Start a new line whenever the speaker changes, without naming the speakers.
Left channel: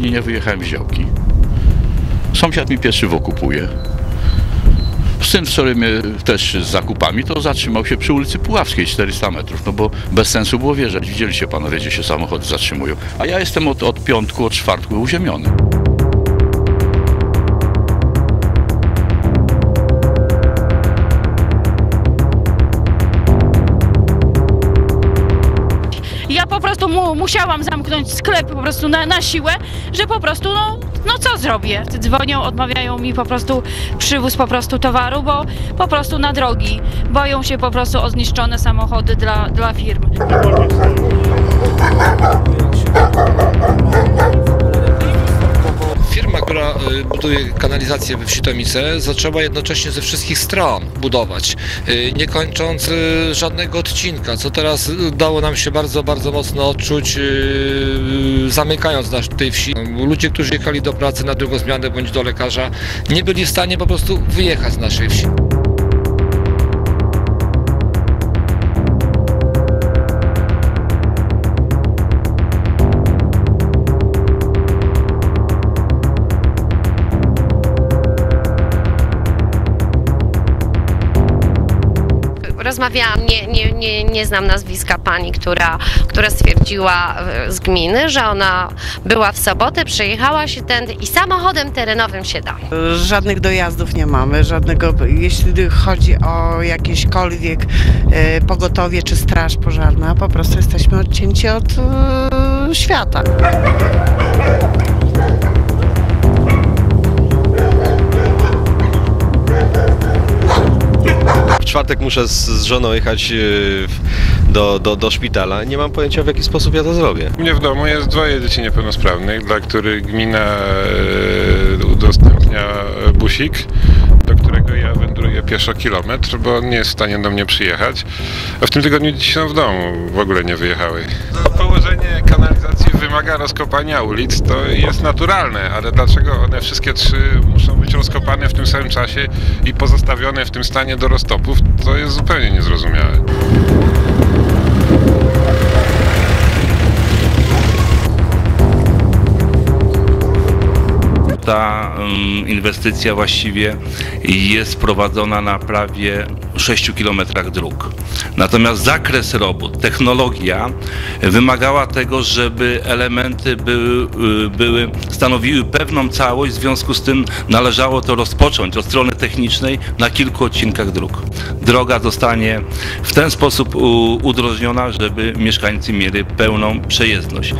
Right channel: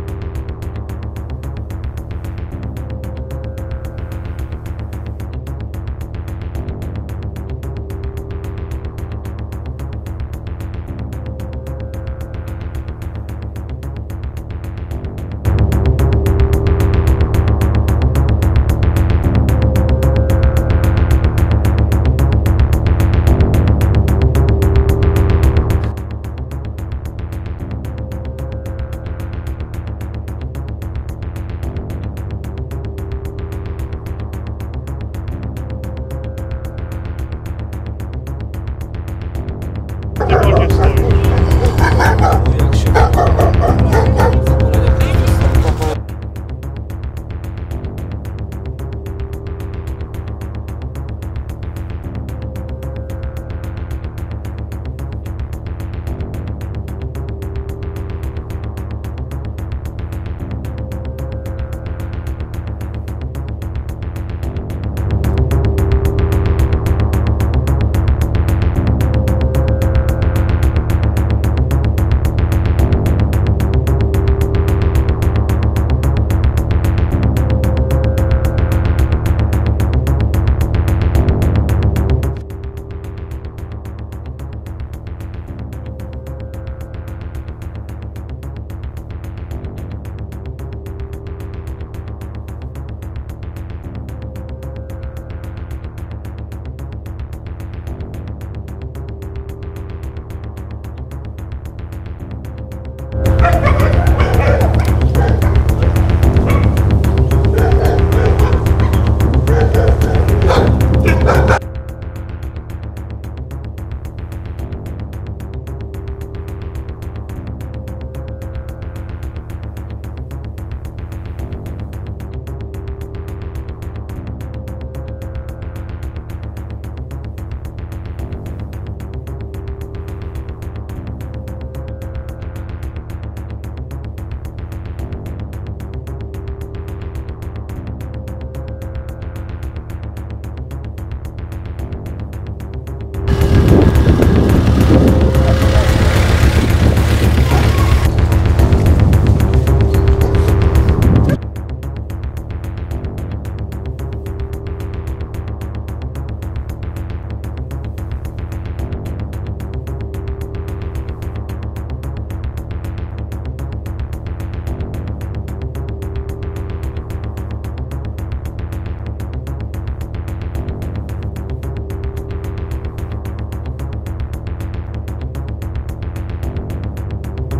nie wyjechałem z działki. Sąsiad mi pieczywo kupuje. Syn wczoraj mnie też z zakupami, to zatrzymał się przy ulicy Puławskiej 400 metrów, no bo bez sensu było wjeżdżać. Widzieliście panowie, gdzie się samochody zatrzymują. A ja jestem od, od piątku, od czwartku uziemiony.
Musiałam zamknąć sklep po prostu na, na siłę, że po prostu no, no co zrobię? Dzwonią, odmawiają mi po prostu przywóz po prostu towaru, bo po prostu na drogi. Boją się po prostu o zniszczone samochody dla, dla firm.
We wsi Tomice, zaczęła jednocześnie ze wszystkich stron budować, y, nie kończąc y, żadnego odcinka, co teraz dało nam się bardzo, bardzo mocno odczuć, y, zamykając nasz tej wsi. Ludzie, którzy jechali do pracy na drugą zmianę bądź do lekarza, nie byli w stanie po prostu wyjechać z naszej wsi.
Rozmawiałam, nie, nie, nie, nie znam nazwiska pani, która, która stwierdziła e, z gminy, że ona była w sobotę, przejechała się tędy i samochodem terenowym się da.
Żadnych dojazdów nie mamy, żadnego, jeśli chodzi o jakieśkolwiek e, pogotowie czy straż pożarna, po prostu jesteśmy odcięci od e, świata.
Czwartek muszę z, z żoną jechać w- do, do, do szpitala. Nie mam pojęcia, w jaki sposób ja to zrobię.
U mnie w domu jest dwoje dzieci niepełnosprawnych, dla których gmina e, udostępnia busik, do którego ja wędruję pieszo kilometr, bo nie jest w stanie do mnie przyjechać. A w tym tygodniu dzieci są w domu, w ogóle nie wyjechały. Położenie kanalizacji wymaga rozkopania ulic, to jest naturalne, ale dlaczego one wszystkie trzy muszą być rozkopane w tym samym czasie i pozostawione w tym stanie do roztopów, to jest zupełnie niezrozumiałe.
Inwestycja właściwie jest prowadzona na prawie 6 km dróg. Natomiast zakres robót, technologia wymagała tego, żeby elementy były, y, były, stanowiły pewną całość, w związku z tym należało to rozpocząć od strony technicznej na kilku odcinkach dróg. Droga zostanie w ten sposób u- udrożniona, żeby mieszkańcy mieli pełną przejezdność.